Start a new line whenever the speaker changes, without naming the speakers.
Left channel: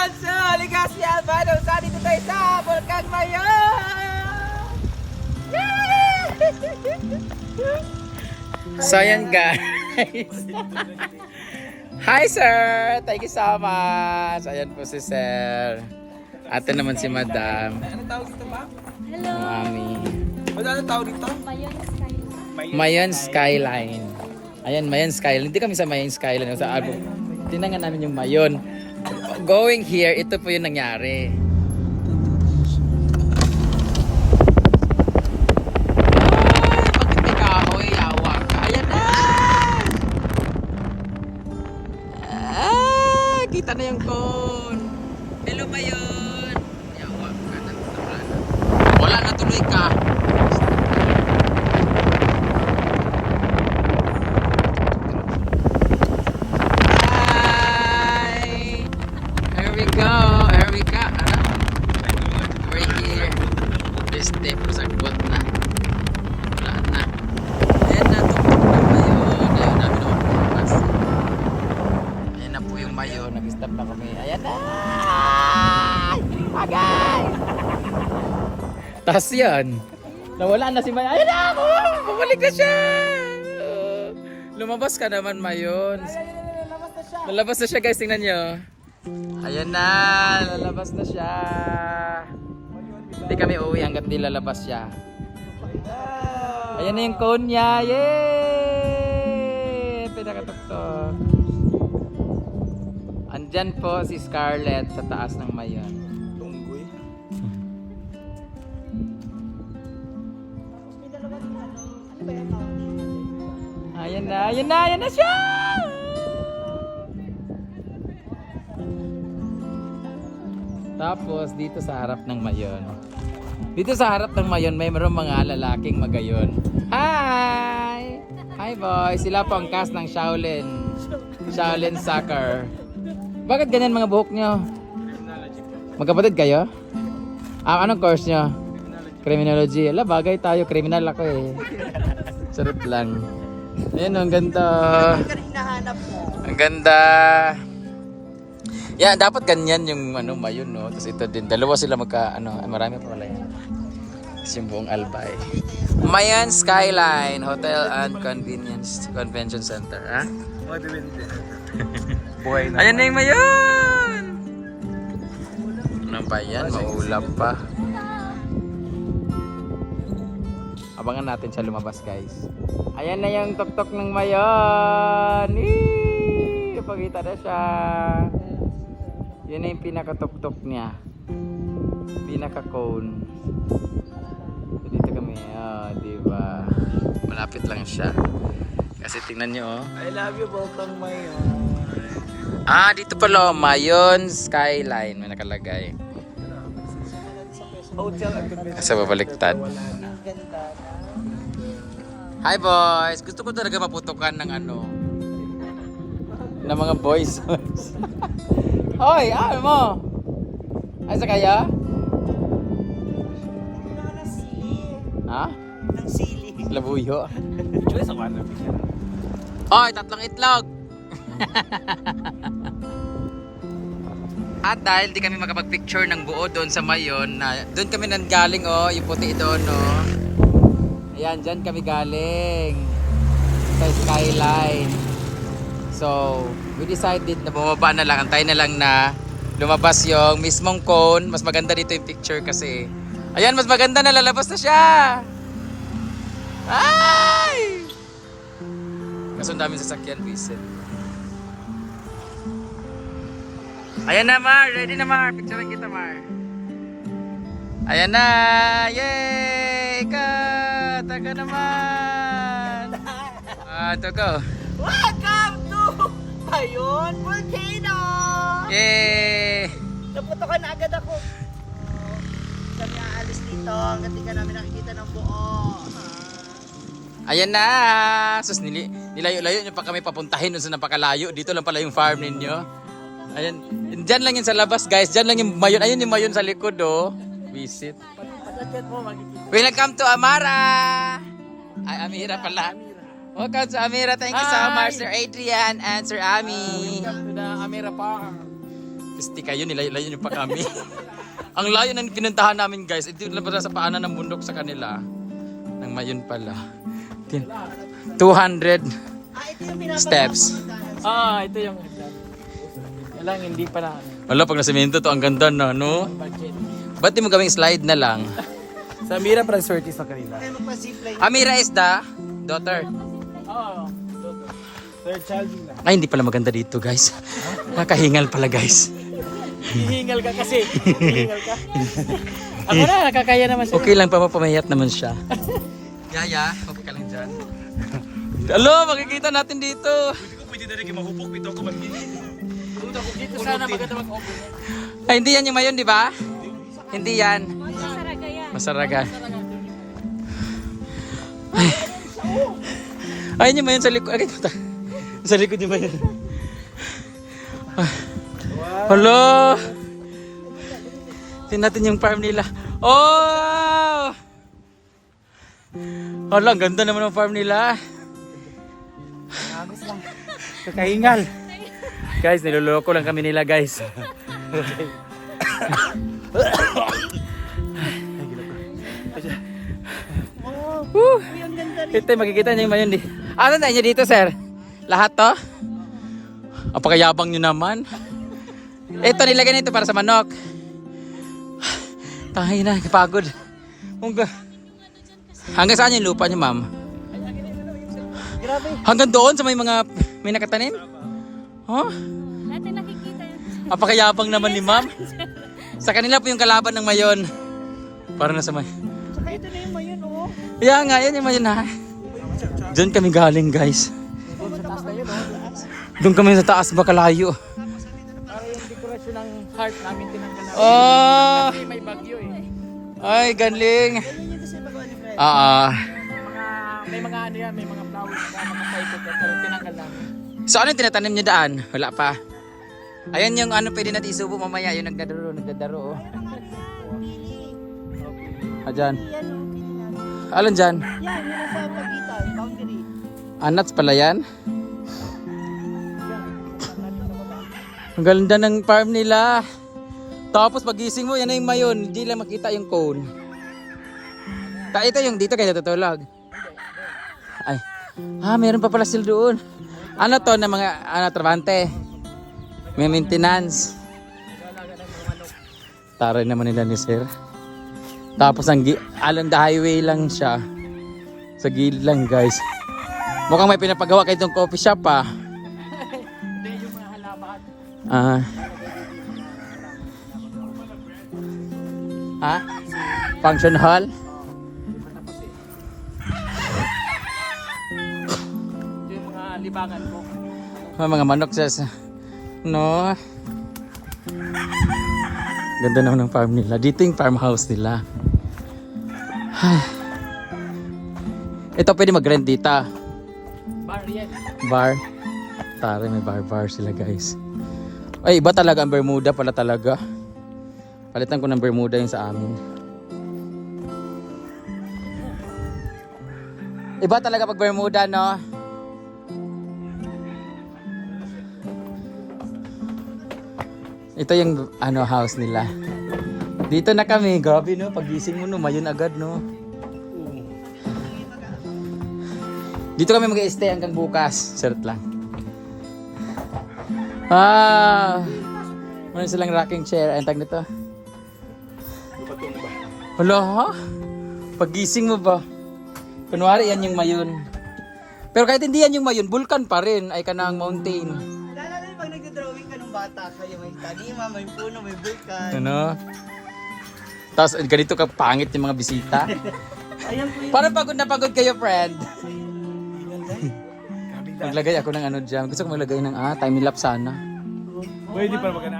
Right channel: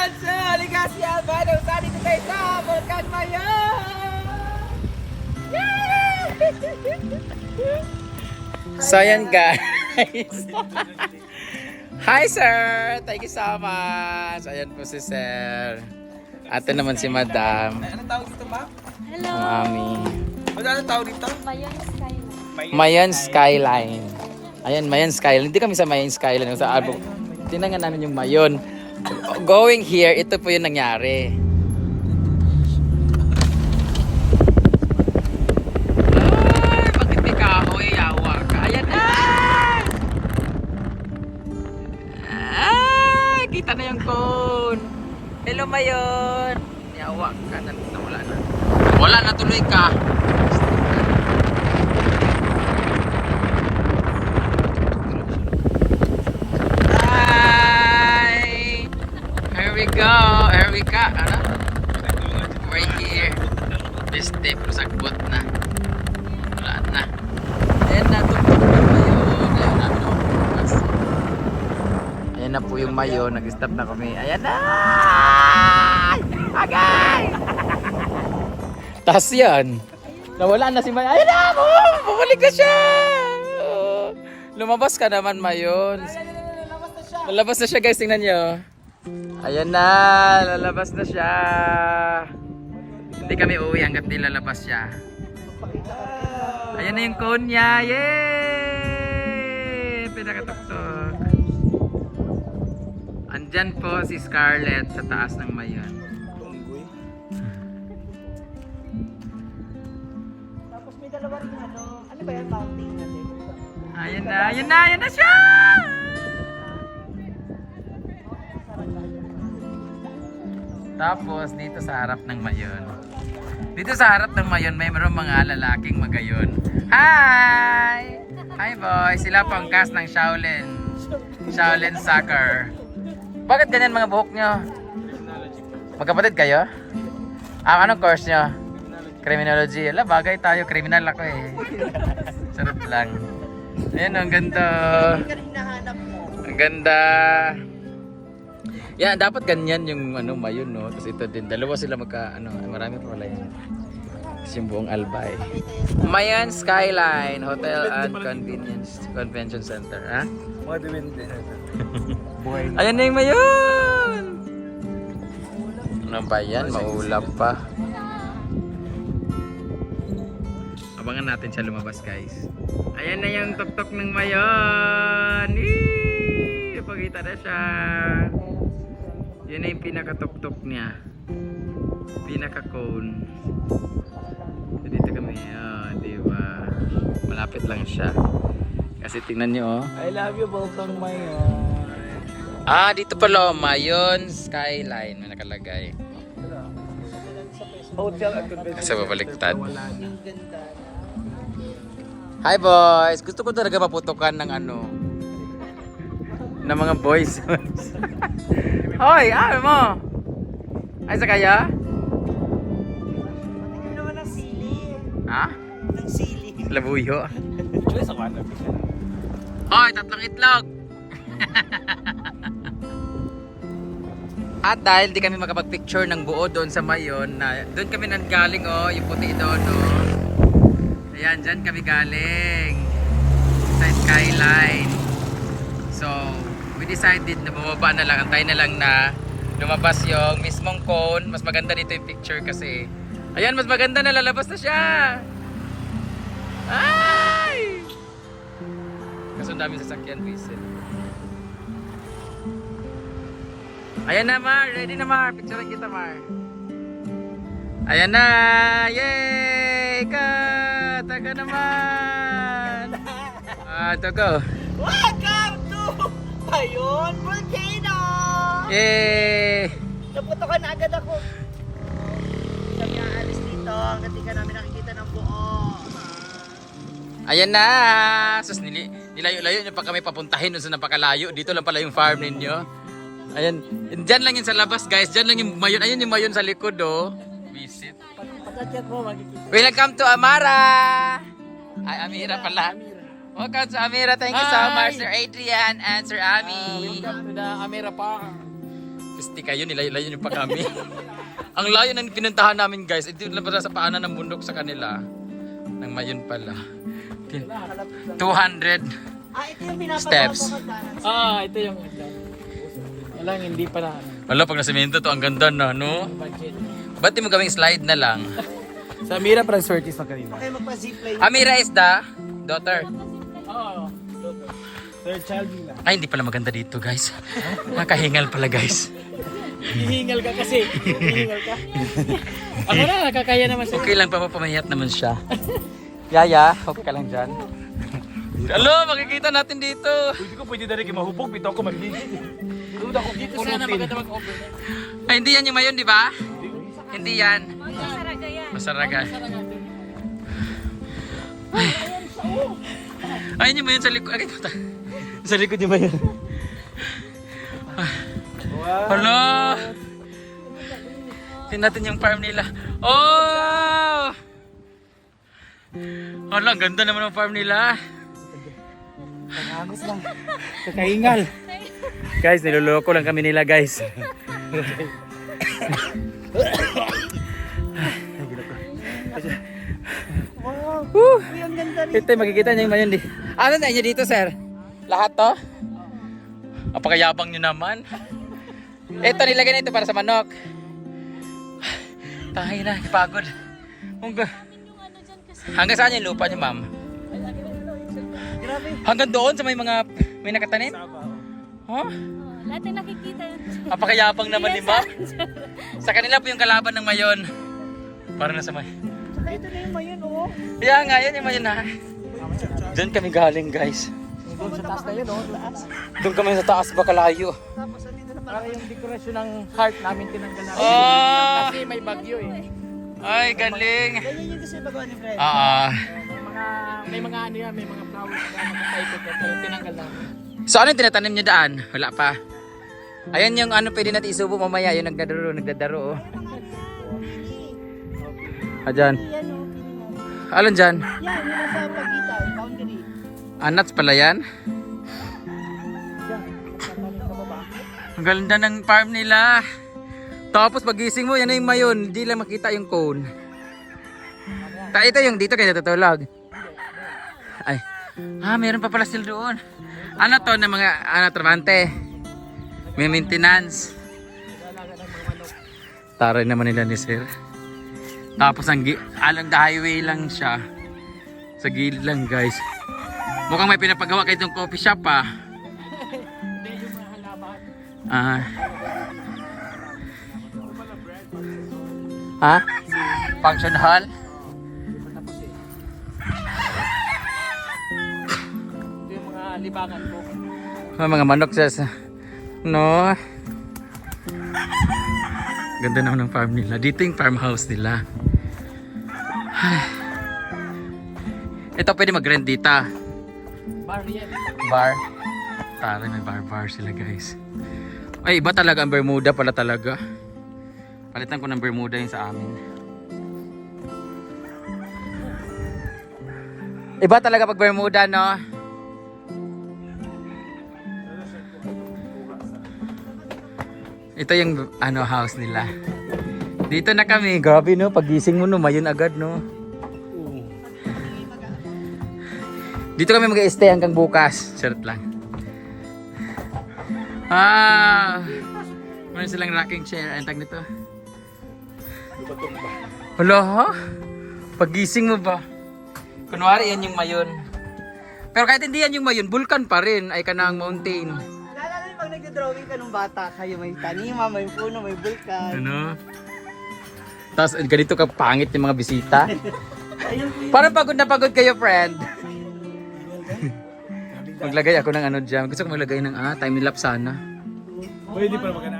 Ayan, so, halika si Albano. Sabi ko tayo sa Volcan Mayon! So guys. Hi sir! Thank you so much. Ayan po si sir. Ate naman si madam.
Ano tawag dito ba?
Hello.
Mami.
Ano tawag dito?
Bayan Skyline.
Mayan Skyline. Ayan, Mayan Skyline. Hindi kami sa Mayan Skyline. Sa album. Tinangan namin yung Mayon. Going here, ito po yung nangyari. Bakit may kahoy? Yawa ka. Ayan na! Ah, kita na yung cone. Hello, Mayon. Yawa ka. Wala na tuloy ka. Hi! Here we go! Here we go! Ano? We're here. This step ko sa gut na. Wala na. Ayan na, tuktok na ba yun? Ayan na, tuktok. Ayan na po yung mayo. Nag-stop na kami. Ayan na! Agay! Tapos yan. Nawala na si Mayo. Ayan na! Oh, bumalik na siya! Lumabas ka naman, Mayon. Labas na siya. Lalabas na siya guys, tingnan nyo. Ayan na, lalabas na siya. Hindi kami uuwi hanggat di lalabas siya. Ayan na yung cone niya. Yay! Pinakatuktok. Andyan po si Scarlett sa taas ng mayon. Tunggoy. Ayan na, ayan na, ayan na siya! Tapos dito sa harap ng mayon. Dito sa harap ng mayon may mayroong mga lalaking magayon. Hi! Hi boys! Sila po ang cast ng Shaolin. Shaolin Soccer. Bakit ganyan mga buhok nyo? Magkapatid kayo? Ah, anong course nyo? Criminology. Ala, bagay tayo. Criminal ako eh. Sarap lang. Ayan, ang ganda. Ang ganda. Yeah, dapat ganyan yung ano mayon no. Kasi ito din dalawa sila magka ano, marami pa wala yan. Kasi yung buong Albay. Mayan Skyline Hotel and Convenience Convention Center, ha? Mga. Buhay na. Ayan na yung mayon. Ano ba yan? Maulap pa. Abangan natin siya lumabas guys. Ayan na yung tuktok ng mayon. Eee! Pagkita na siya. Yun na yung pinakatuktok niya. Pinaka-cone. So, dito kami. Oh, di ba? Malapit lang siya. Kasi tingnan nyo oh. I love you, Volcan Mayon. Ah, dito pala, Mayon Skyline. May nakalagay. Kasi babaliktad. Hi boys! Gusto ko talaga maputukan ng ano ng mga boys. Hoy, ano mo? Ay, sa kaya? Ha? Ang sili. Labuyo. Choice ako ano. Hoy, tatlong itlog! At dahil di kami makapag-picture ng buo doon sa Mayon, na doon kami nanggaling oh, yung puti doon oh. Ayan, dyan kami galing sa skyline. So, we decided na bumaba na lang, antay na lang na lumabas yung mismong cone. Mas maganda dito yung picture kasi. Ayan, mas maganda na lalabas na siya. Ay! Kaso ang daming sasakyan, Vincent. Ayan na, Mar. Ready na, Mar. Picturean kita, Mar. Ayan na. Yay! Kat! Taka naman. Ah, to go.
Welcome to Mayon Volcano! Yay! Naputokan na agad ako. Pagkaalis dito, ka namin nakikita ng buo.
Ayan na. Sus, nili, nilayo-layo nyo pa kami papuntahin sa napakalayo. Dito lang pala yung farm ninyo. Ayan. Diyan lang yun sa labas, guys. Diyan lang yung mayon. Ayun yung mayon sa likod, oh. Visit. Welcome to Amara! Ay, Amira pala. Welcome to Amira. Thank you so much, Sir Adrian and Sir Ami.
Welcome to the Amira Farm.
artistic kayo, nilayo-layo niyo pa kami. Ang layo ng pinuntahan namin guys, ito na pala sa paanan ng bundok sa kanila. Nang mayon pala. Kin- 200 Ah, ito yung pinapagawa steps.
Ah, ito yung Wala, hindi pa na. ano,
Wala, pag nasimento to, ang ganda na, no? Ba't di mo gawing slide na lang?
Sa Mira Transvertis na kanina.
Amira is the daughter.
Oo. Third child nila.
Ay, hindi pala maganda dito, guys. Nakahingal pala, guys.
Hihingal ka kasi. Hihingal ka. Ako na, nakakaya naman siya.
Okay lang pa, mapamahiyat naman siya. Yaya, okay ka lang dyan. Hello, makikita natin dito. Kung pwede na rin kayo mahupong, pito ako maglilid. Dito sana maganda mag-overnight. Ay, hindi yan yung mayon, di ba? Hindi yan. Masaraga. Ay. Ayun yung mayon sa likod. Ay. Sa likod yung mayon. Ay. Hello. Tingnan natin yung farm nila. Oh! Hala, ang ganda naman ng farm nila. Kakahingal. Guys, niloloko lang kami nila, guys. Woo! Ito, makikita niyo yung mayon di. Ano na niyo dito, sir? Lahat to? Apakayabang niyo naman. Ito, nilagay nito para sa manok. Tahi na, kapagod. Hanggang, hanggang saan yung lupa niyo, ma'am? Grabe. Hanggang doon sa may mga, may nakatanim? Huh? Lahat ay nakikita yan. Napakayabang naman ni ma'am. Sa kanila po yung kalaban ng mayon. Para na sa may.
Tsaka ito na yung mayon, oh.
Yeah nga, yan yung mayon na. Diyan kami galing guys. Doon kami sa taas bakalayo. Ang
yung dekorasyon ng heart namin tinanggal namin. Oh! Kasi may bagyo eh.
Ay, galing. Ayun yung yung magawa ni Fred. Ah, ah. May
mga, may mga ano yan, may mga flowers na makapaikot at talagang tinanggal namin.
So ano tinatanim niyo daan? Wala pa. Ayan yung ano pwede natin isubo mamaya. Yung nagdadaro, nagdadaro. Oh. Ah, dyan. Yan. Yan, Alin dyan? Yan,
yung nasa boundary.
Anats pala yan? Ang ganda ng farm nila. Tapos pagising mo, yan na yung mayon. Hindi lang makita yung cone. Ta ito yung dito kayo natutulog. Ah, meron pa pala sila doon. Ano to na mga ano, trabante? May maintenance. Taray naman nila ni sir. Tapos ang along the highway lang siya. Sa gilid lang guys. Mukhang may pinapagawa kayo itong coffee shop ah. Hindi.
Ah.
Ha? Function hall? Libangan ko. May mga manok sa sa- No. Ganda naman ng farm nila. Dito yung farmhouse nila. Ito pwede mag-rent dito. Bar yan. Bar. Tara, may bar-bar sila guys. Ay, iba talaga ang Bermuda pala talaga. Palitan ko ng Bermuda yung sa amin. Iba talaga pag Bermuda, no? Ito yung ano house nila. Dito na kami. Grabe no, pagising mo no, mayon agad no. Dito kami mag-stay hanggang bukas. Shirt lang. Ah! Meron silang rocking chair. Ang tag nito. Wala ha? Pagising mo ba? Kunwari yan yung mayon. Pero kahit hindi yan yung mayon, vulkan pa rin. Ay kanang mountain.
Bata, kayo may tanima, may puno, may bulkan. Ano?
Tapos ganito ka pangit yung mga bisita. Ayan po yung Parang pagod na pagod kayo, friend. Maglagay ako ng ano dyan. Gusto ko maglagay ng ah, time lapse sana. Pwede pa magana